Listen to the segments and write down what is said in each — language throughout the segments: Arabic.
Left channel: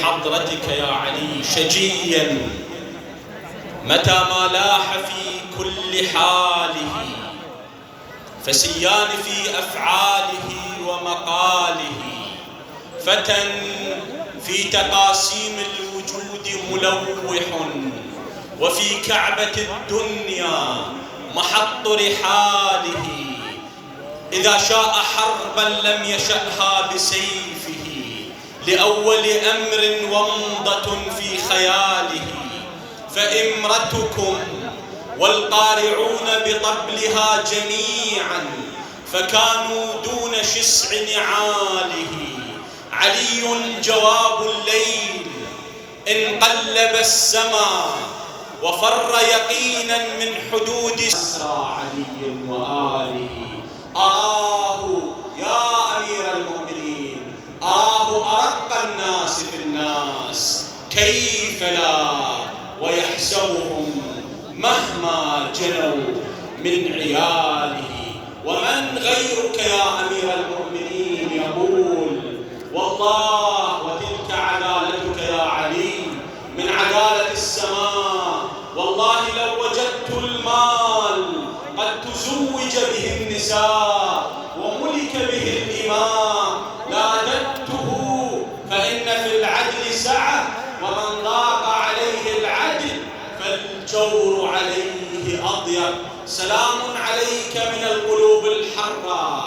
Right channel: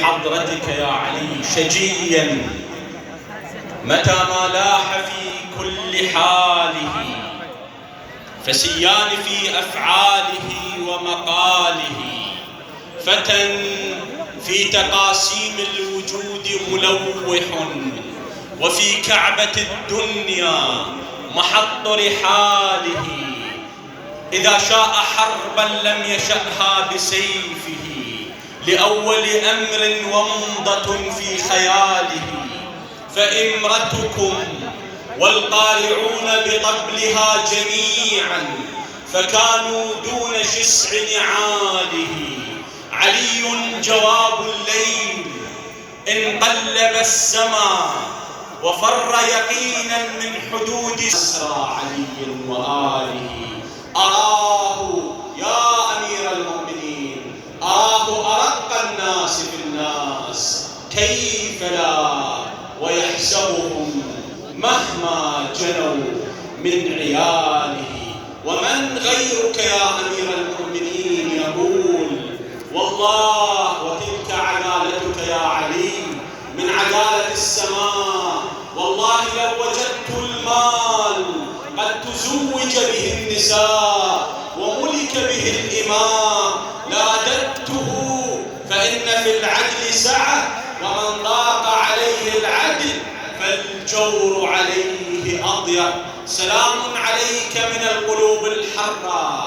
حضرتك يا علي شجيا متى ما لاح في كل حاله، فسيان في أفعاله ومقاله، فتى في تقاسيم الوجود ملوح، وفي كعبة الدنيا محط رحاله. إذا شاء حربا لم يشأها بسيفه، لأول أمر ومضة في خياله. فإمرتكم والقارعون بطبلها جميعا فكانوا دون شسع نعاله. علي جواب الليل إن قلب السماء وفر يقينا من حدود أسرى علي وآله. أراه يا أمير المؤمنين، أراه أرق الناس في الناس، كيف لا ويحسبهم مهما جنوا من عياله. ومن غيرك يا أمير المؤمنين يقول والله وتلك عدالتك يا علي من عدالة السماء، والله لو وجدت المال قد تزوج به النساء وملك به الإماء لأدبته، فإن في العدل سعة، ومن ضاق عليه العدل فالجور عليه أضيق. سلام عليك من القلوب الحرة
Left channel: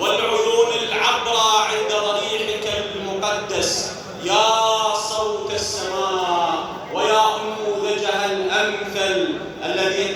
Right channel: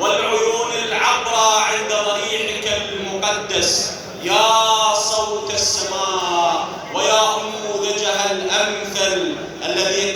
والعيون العبرة عند ضريحك المقدس، يا صوت السماء ويا أنموذجها الأمثل الذي